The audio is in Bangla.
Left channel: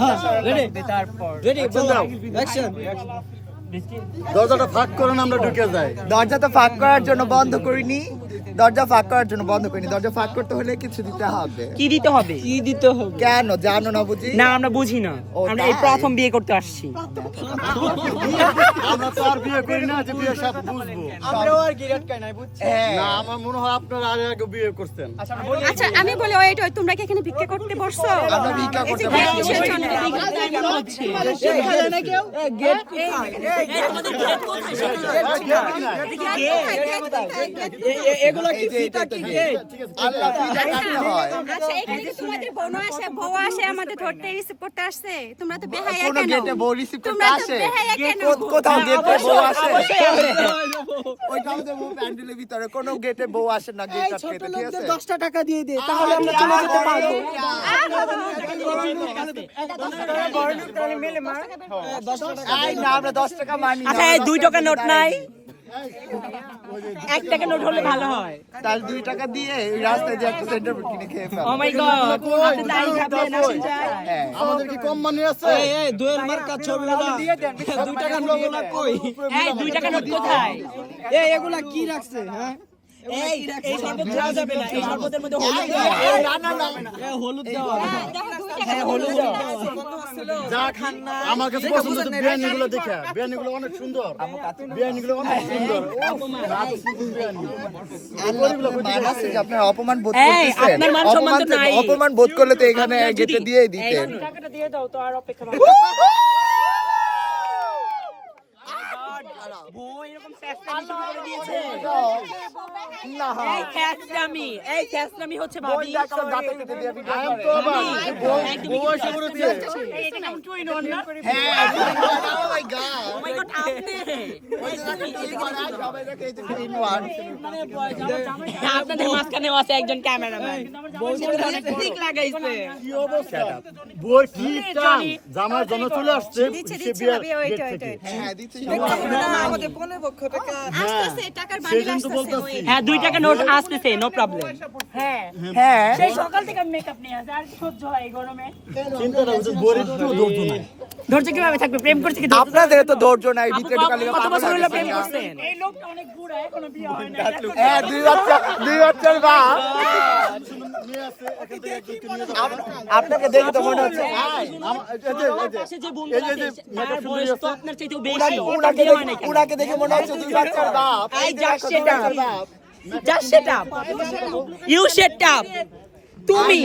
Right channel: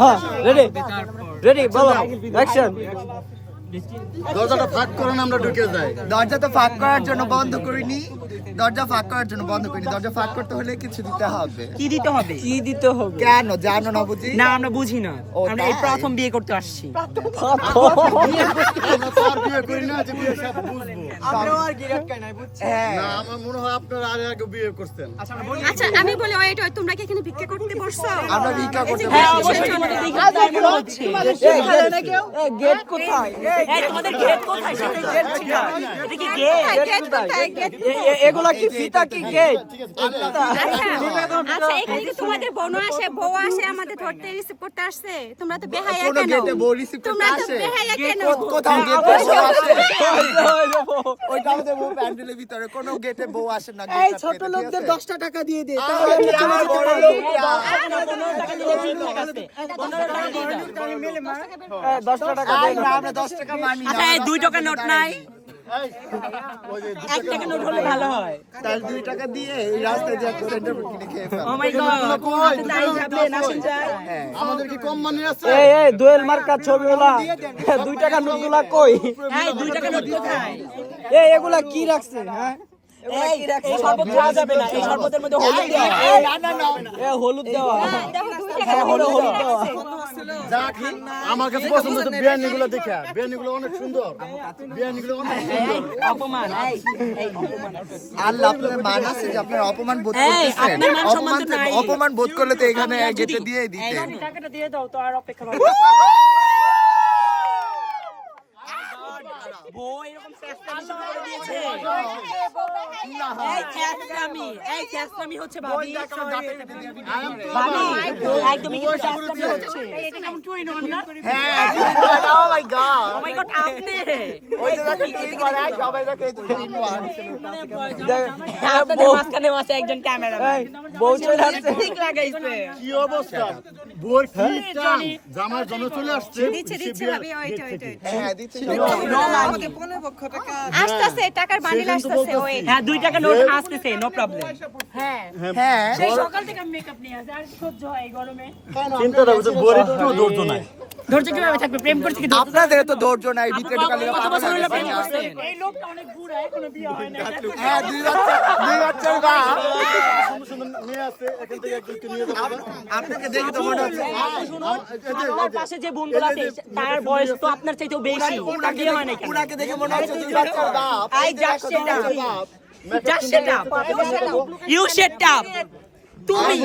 হ্যাঁ রেডি রেডি বলো। অ্যাকশন দরজাটা ফাঁক করেন আমরা ঢুকে যাই। দরজা তো ফাঁক করার জন্য বন্ধ করিনি। দরজা ফাঁক করার জন্য বন্ধ করিনি দরজা ফাঁক করতে হলে কিছু দিতে হবে কি দিতে হবে কি দিতে হবে কেন জানো না বুঝি না আমরা বুঝি না আমরা এই প্রথম বিয়ে করতে আসছি আমরা তো আর বিয়ে করি না যে বিয়ে সব বুঝব আমরাও আর গিরাত কাই নাই বুঝছি হ্যাঁ না আমার মনে হয় আপনারা আগে আগে বিয়ে করতেন আচ্ছা আমি বলি ওয়েট তোমরা কি এখানে ভিক্ষা করতে বসছো আমরা ভিক্ষা করতে বসছি। কিসের জন্য? এ গেট কোথায় তোমাদের গেট কোথায় সেটা গেট কোথায়? গেট কোথায়? গেট এ- এ- এগুলা কি ফিতা কি গেট আচ্ছা, আচ্ছা এখানে যে তোমাদের বোন আসে বউ আসে আমাদের ধরতে রিসিভ করতে আসছে তোমরা তো বেহায়া কেন? তোমরা তো আসে? বেহায়া কেন? কোথাও গেটে বউ আসে? আমাদের বউ প্যান্ডেলের ভিতরে কোনো গেটে বউ আসে না এই গেট ছোট লোকদের দশটা টাকা দিয়ে দে তাহলে আমরা চলে যেতে পারব। টাকা না আমরা দশ টাকা মানি না আচ্ছা এই দুই টাকা নোট নাই? এক টাকা নোট হলে ভালো হয়। তাহলে দুই টাকা দিয়ে এই রাস্তায় যে একটা সেন্টার কিনে খেয়ে ফেল ও মাই গড আমাদের কি কম মানি আছে? এই এই দোয়েল মার্কা ছবিওয়ালা দুই টাকা নোটগুলা কই? এই দুই টাকা নোট কোথায়? এই এগুলা কি রাখছে হ্যাঁ? এই এই শরবত খাওয়া যাবে না। এই শরবতের মধ্যে হলুদ দেওয়া হলুদ দেওয়া হ্যাঁ। হলুদ হলুদ আমার কাছে পছন্দ তো বিয়ানি গুলো দেখা বিয়ানি গুলো অনেক সুন্দর। বিয়ানি গুলো অনেক সুন্দর। আল্লাহ আপনার মান আছে যে আপনার অপমান বোধ করতেছেন। মান অপমান অপমান বোধ করলে তো এখানে গেটে দিয়েই দিতেন। টাকাটা দিয়ে দাও তো আর অপেক্ষা করো বউ এরকম ফ্যাসলামি দিয়েছে এই ফ্যাসলামি এই ফ্যাসলামি হচ্ছে ভাবি। একদমই। হ্যাঁ ও মাই গড আপনি। আপনাদের আছে একজন ক্যামেরাম্যান ঠিক লাগাইছে। কি অবস্থা? বই কি টান জামার জন্য চলে আসছে দিচ্ছে সে দিচ্ছে ভাবি ওয়েট ওয়েট ওয়েট হ্যাঁ দিচ্ছি আসতেছে টাকার বান্ডিল আসতেছে ওয়েট হ্যাঁ দুই টাকা নোট আসতেছে নো প্রবলেম হ্যাঁ হ্যাঁ। সকাল থেকে মেকআপ নিয়ে আসে আর সহ্য হয় গরমে। চিন্তাটা হচ্ছে বইয়ের একটু ধৈর্য নাই। ধৈর্য কীভাবে থাকবে? প্রেম করছে কি আপনাদের তো ধৈর্য নাই ভিতরে ঢুকালে কত বছর হলো প্রেম। করছেন এই লোকটা অনেক বুড়া এখনও বিয়ে হয় না হ্যাঁ দুই বাচ্চা দুই বাচ্চার বাপ নিয়ে আসছে এখান থেকে একজনকে নিয়ে যাব আপনাকে দেখে তো মনে হচ্ছে। পাশে যে যে- আছে তার বয়স তো আপনার চাইতেও বেশি। দেখে মনে হচ্ছে দুই বাচ্চার বাপ আই এই যে জাস্ট দেখো, দুই set. Just set. Up you set up তুমি